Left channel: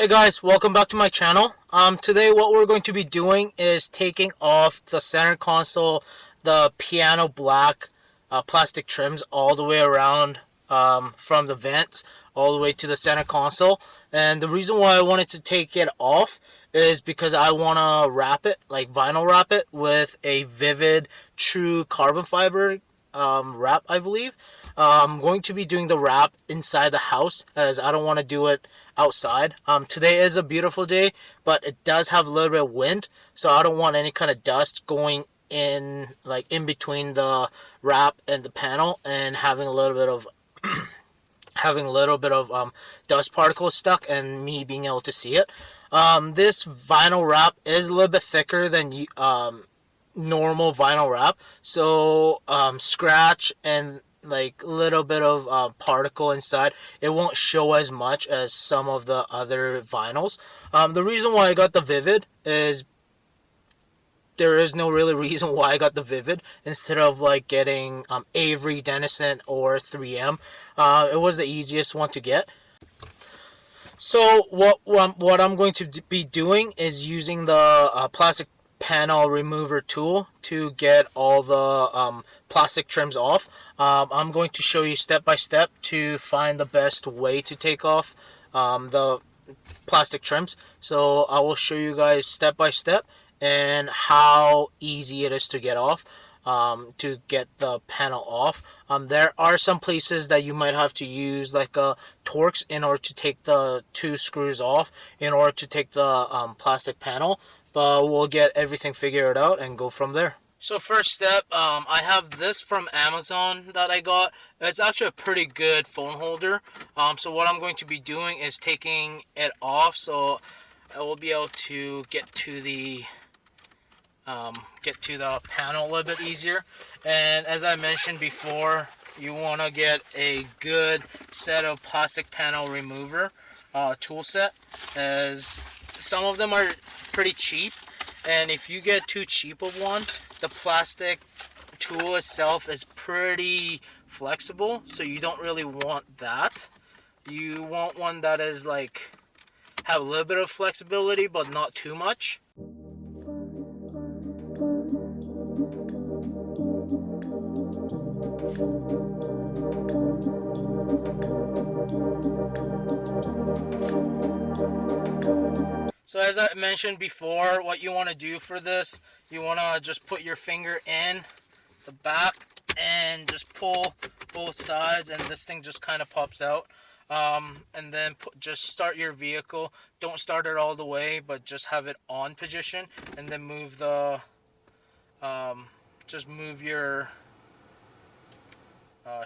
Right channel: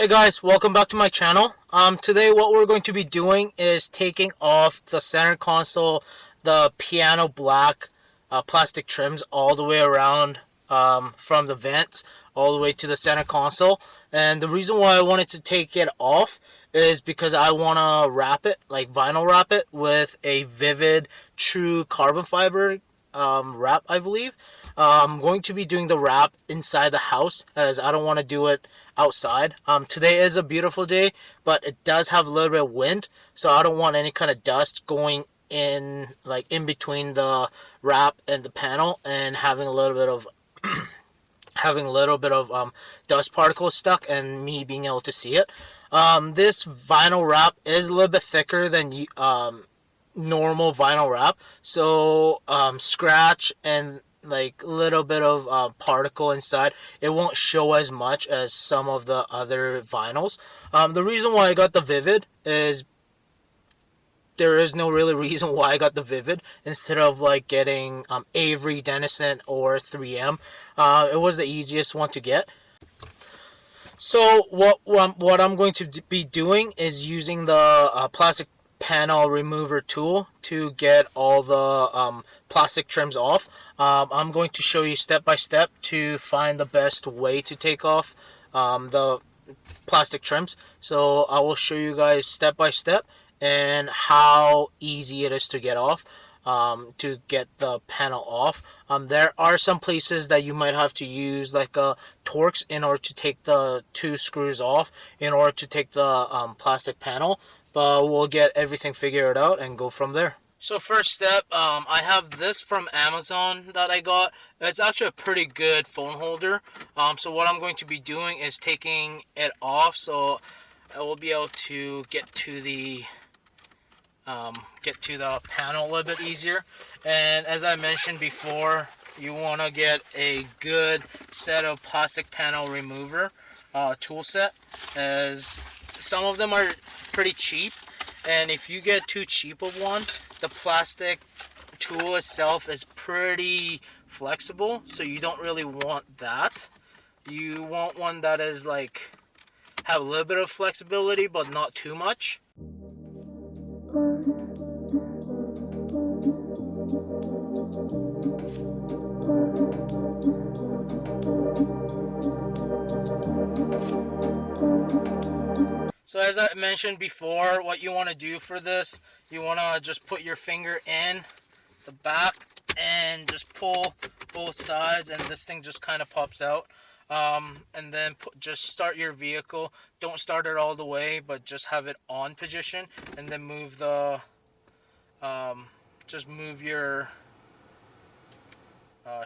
Hey guys, welcome back to my channel. Today what we're going to be doing is taking off the center console, the piano black plastic trims all the way around from the vents all the way to the center console. And the reason why I wanted to take it off is because I want to wrap it, like vinyl wrap it, with a Vvivid true carbon fiber wrap, I believe. I'm going to be doing the wrap inside the house as I don't want to do it outside. Today is a beautiful day, but it does have a little bit of wind, so I don't want any kind of dust going in, like in between the wrap and the panel, and having a little bit of dust particles stuck and me being able to see it. This vinyl wrap is a little bit thicker than normal vinyl wrap, so scratch and like a little bit of particle inside, it won't show as much as some of the other vinyls. The reason why I got the Vvivid is there is no really reason why I got the Vvivid instead of getting Avery, Dennison, or 3M. It was the easiest one to get. So what I'm going to be doing is using the plastic panel remover tool to get all the plastic trims off. I'm going to show you step by step to find the best way to take off the plastic trims. So I will show you guys step by step and how easy it is to get off, to get the panel off. There are some places that you might have to use like Torx in order to take the two screws off in order to take the plastic panel, but we'll get everything figured out and go from there. So first step, I have this from Amazon that I got. It's actually a pretty good phone holder. So what I'm going to be doing is taking it off so I will be able to get to the panel a little bit easier. And as I mentioned before, you want to get a good set of plastic panel remover tool set, as some of them are pretty cheap. And if you get too cheap of one, the plastic tool itself is pretty flexible, so you don't really want that. You want one that is like have a little bit of flexibility but not too much. So as I mentioned before, what you want to do for this, you want to just put your finger in the back and just pull both sides, and this thing just kind of pops out. And then just start your vehicle. Don't start it all the way, but just have it on position, and then move the just move your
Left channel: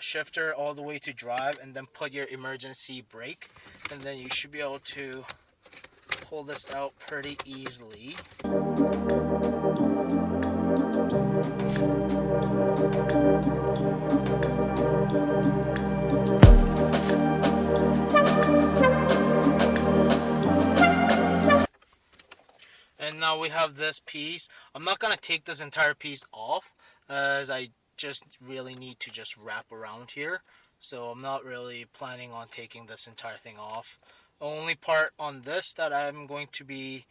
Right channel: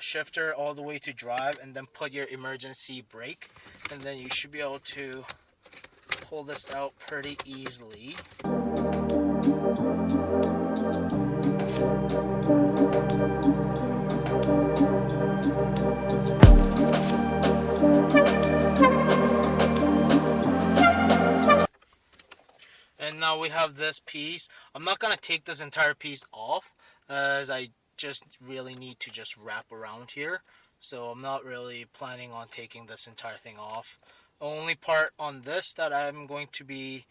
shifter all the way to drive, and then put your emergency brake, and then you should be able to pull this out pretty easily. And now we have this piece. I'm not going to take this entire piece off, as I just really need to just wrap around here. So I'm not really planning on taking this entire thing off. The only part on this that I'm going to be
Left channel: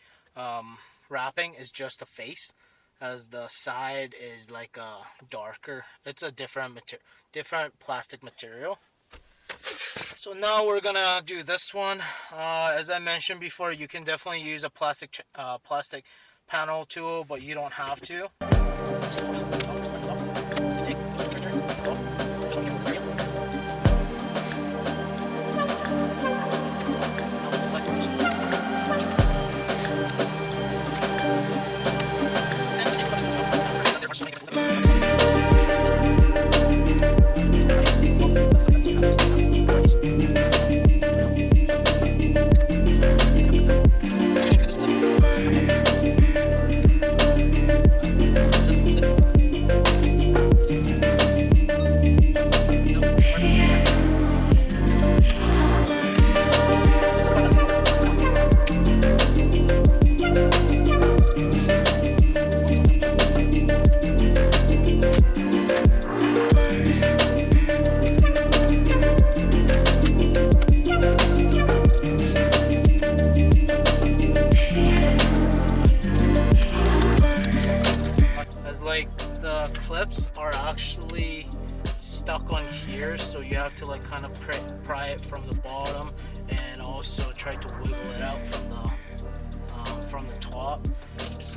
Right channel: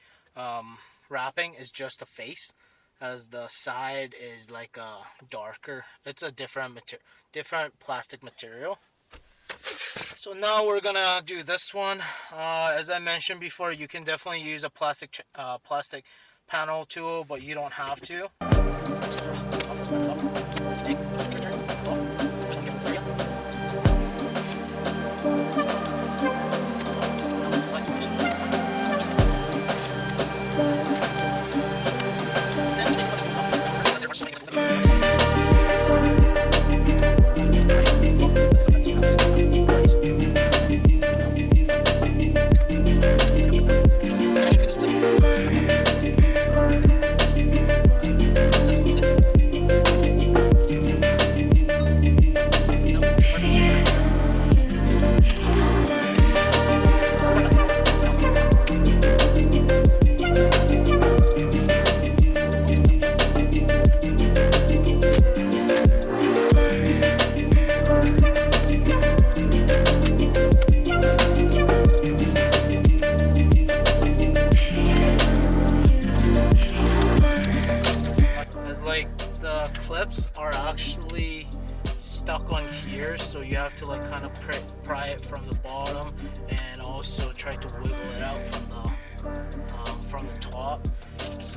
wrapping is just the face, as the side is like a darker. It's a different plastic material. So now we're gonna do this one. As I mentioned before, you can definitely use a plastic panel tool, but you don't have to.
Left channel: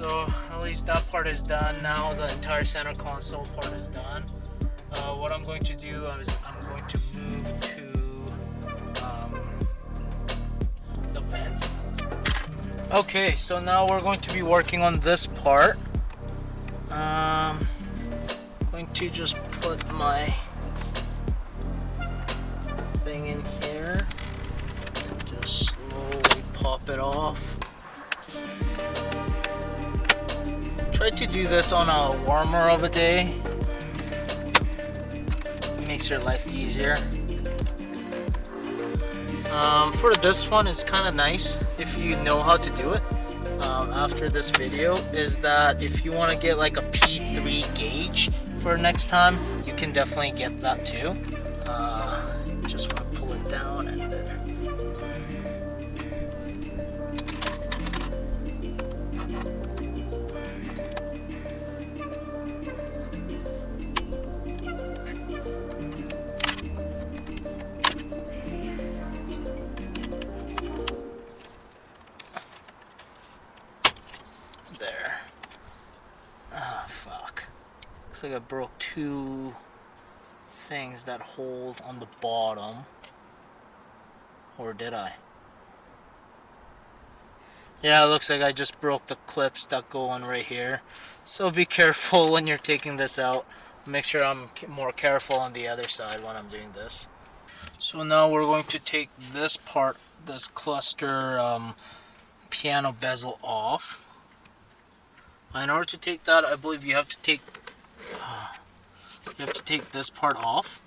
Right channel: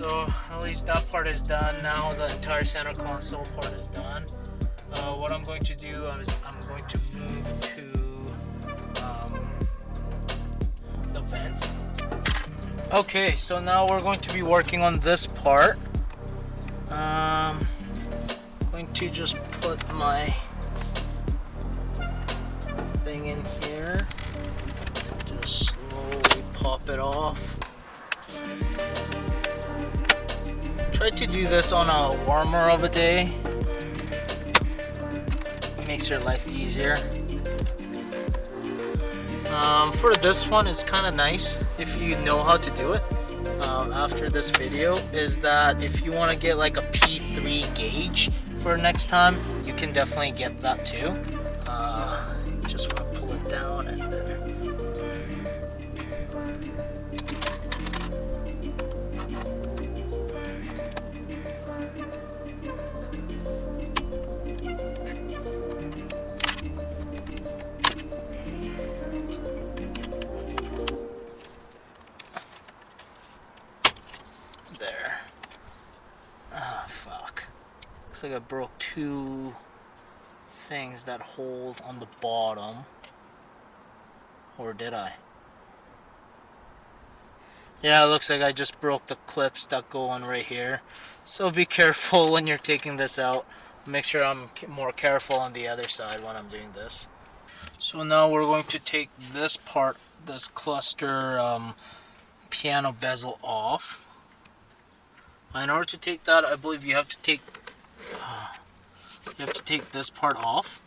So at least that part is done. Now the entire center console part is done. What I'm going to do is I'm going to move to the vents. Okay, so now we're going to be working on this part. I'm going to just put my thing in here. Just try to do this on a warmer of a day. It makes your life easier. For this one, it's kind of nice if you know how to do it. After this video, is that if you want to get like a P3 gauge for next time, you can definitely get that too. Just want to pull it down and then there. Oh fuck. Looks like I broke two things that hold on the bottom. Or did I? Yeah, it looks like I just broke the clips that go on right here. So be careful when you're taking this out. Make sure I'm more careful on the other side when I'm doing this. So now we're going to take this part, this cluster piano bezel off. In order to take that, I believe you have to take this part off,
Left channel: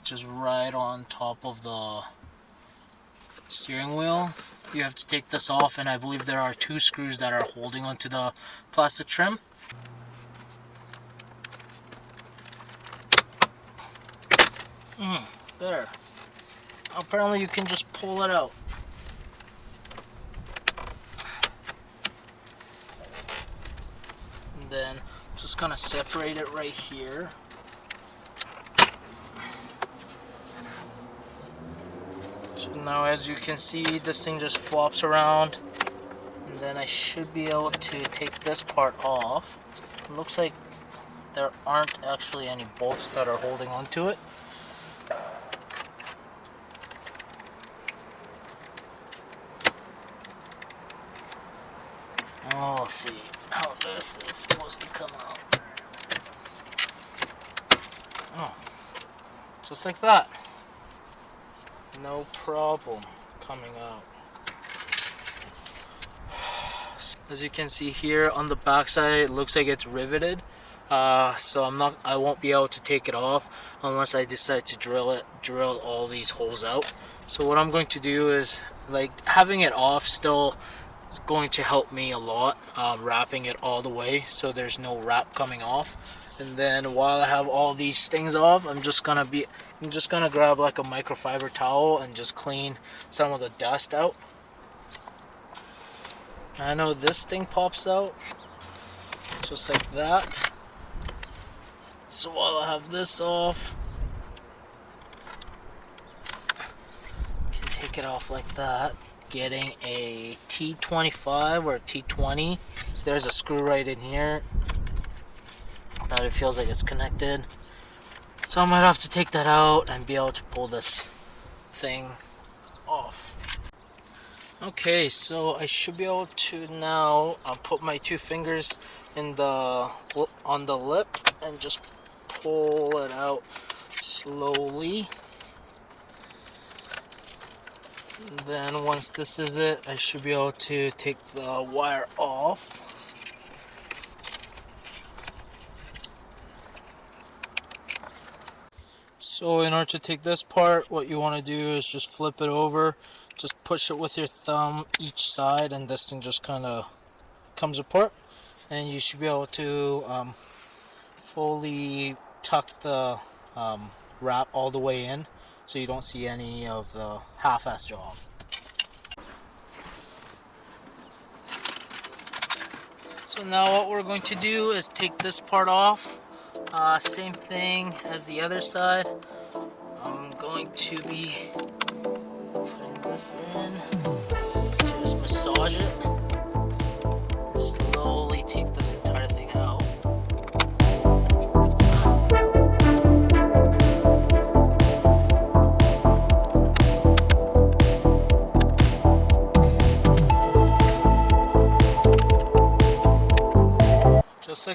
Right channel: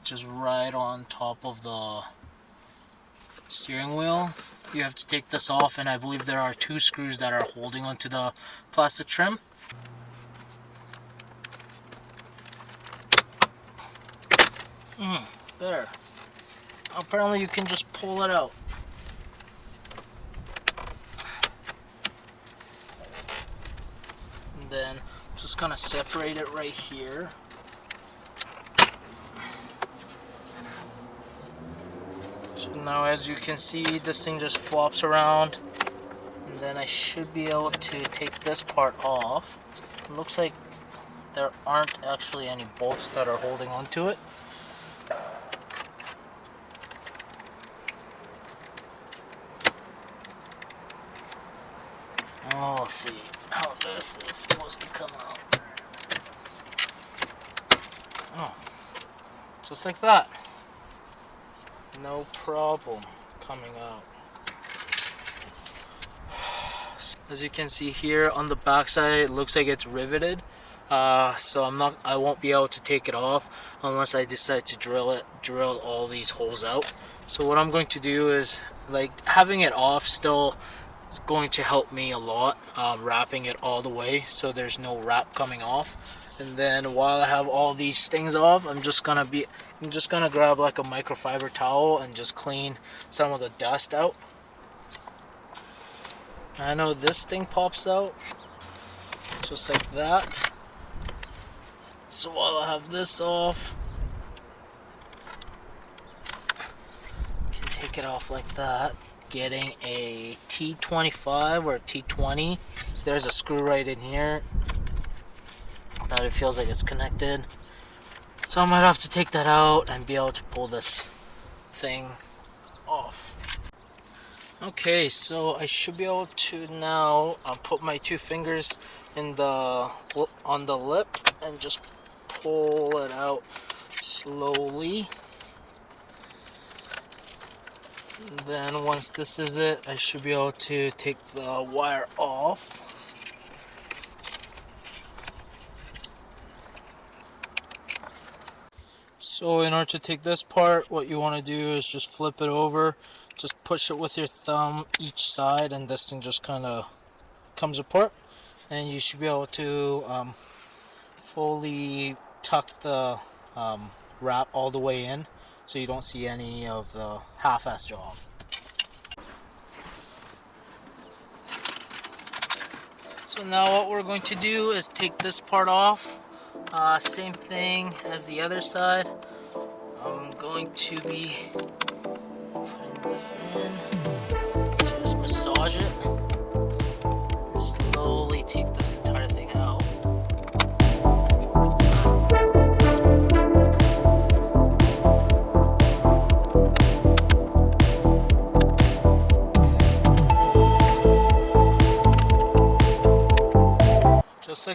which is right on top of the steering wheel. You have to take this off, and I believe there are two screws that are holding onto the plastic trim. There. Apparently you can just pull it out. And then just gonna separate it right here. So now as you can see, this thing just flops around. And then I should be able to take this part off. It looks like there aren't actually any bolts that are holding onto it. Oh, see how this is supposed to come out. Oh, just like that. As you can see here on the back side, it looks like it's riveted. So I won't be able to take it off unless I decide to drill all these holes out. So what I'm going to do is, like, having it off still is going to help me a lot, wrapping it all the way so there's no wrap coming off. And then while I have all these things off, I'm just gonna grab like a microfiber towel and just clean some of the dust out. I know this thing pops out just like that. So while I have this off, I can take it off like that. Getting a T25 or a T20. There's a screw right in here. Probably feels like it's connected. So I might have to take that out and be able to pull this thing off. Okay, so I should be able to now put my two fingers on the lip and just pull it out slowly. And then once this is it, I should be able to take the wire off. So in order to take this part, what you want to do is just flip it over, just push it with your thumb each side, and this thing just kind of comes apart, and you should be able to fully tuck the wrap all the way in so you don't see any of the half-assed. So now what we're going to do is take this part off. Same thing as the other side. I'm going to be putting this in. Just massage it slowly.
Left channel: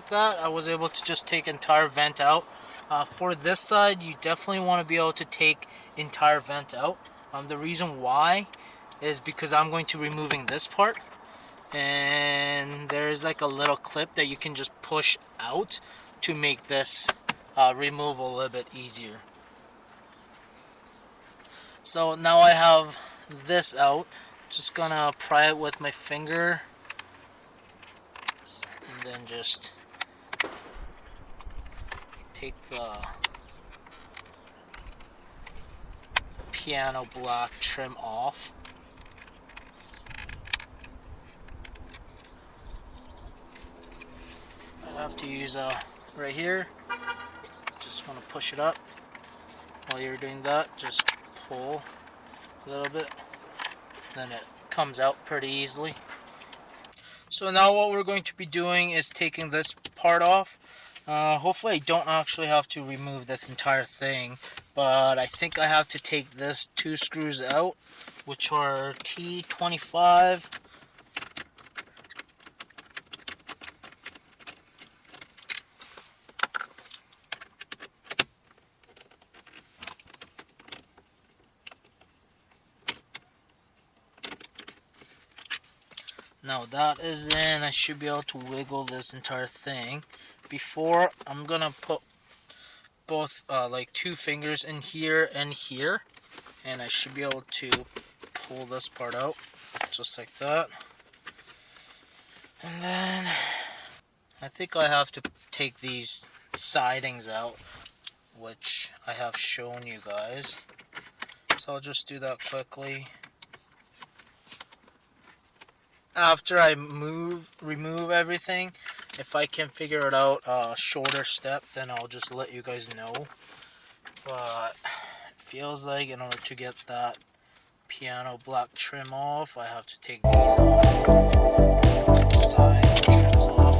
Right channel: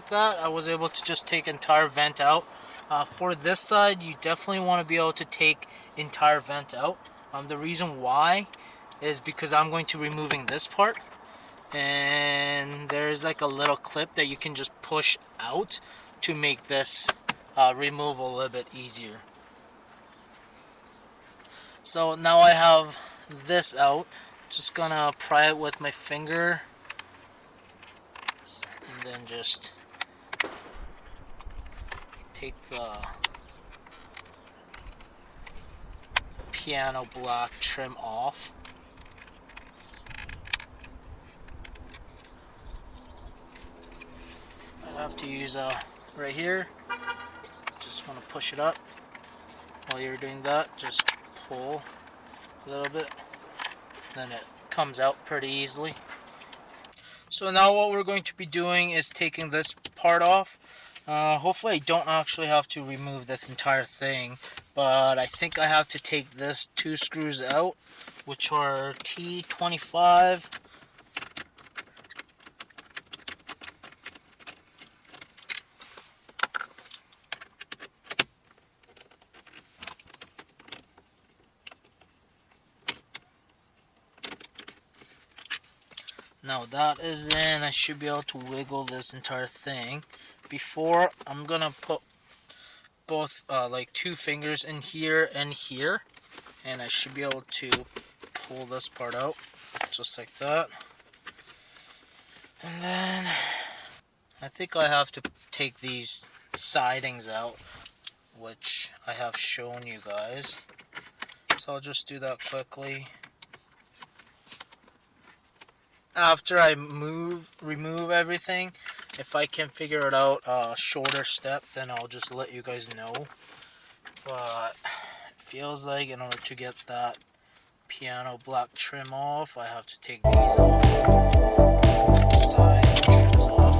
like that, I was able to just take entire vent out. For this side, you definitely want to be able to take entire vent out. The reason why is because I'm going to be removing this part, and there's like a little clip that you can just push out to make this removal a little bit easier. So now I have this out. Just gonna pry it with my finger, and then just take the piano block trim off. I'll have to use right here. Just want to push it up. While you're doing that, just pull a little bit, then it comes out pretty easily. So now what we're going to be doing is taking this part off. Hopefully I don't actually have to remove this entire thing, but I think I have to take this 2 screws out, which are Pt.1. Now that is in, I should be able to wiggle this entire thing. Before, I'm going to put both like 2 fingers in here and here, and I should be able to pull this part out just like that. And then I think I have to take these sidings out, which I have shown you guys. So I'll just do that quickly. After I remove everything, if I can figure it out a shorter step, then I'll just let you guys know. But it feels like in order to get that piano block trim off, I have to take these side trims off.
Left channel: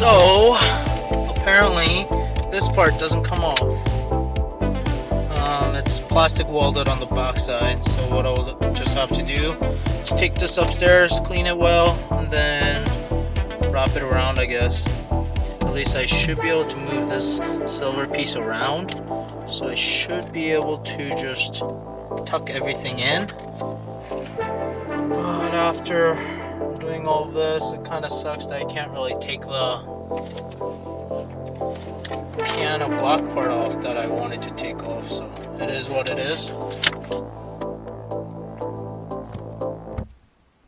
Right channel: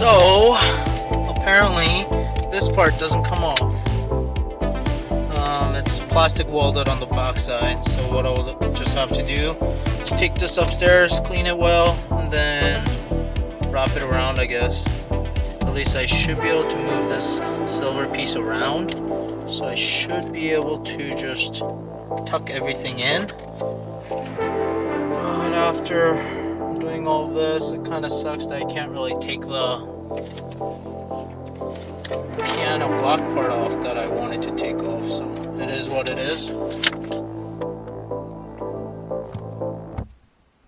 So apparently this part doesn't come off. It's plastic welded on the back side, so what I'll just have to do is take this upstairs, clean it well, and then wrap it around, I guess. At least I should be able to move this silver piece around, so I should be able to just tuck everything in. And after doing all this, it kind of sucks that I can't really take the piano block part off that I wanted to take off, so it is what it is.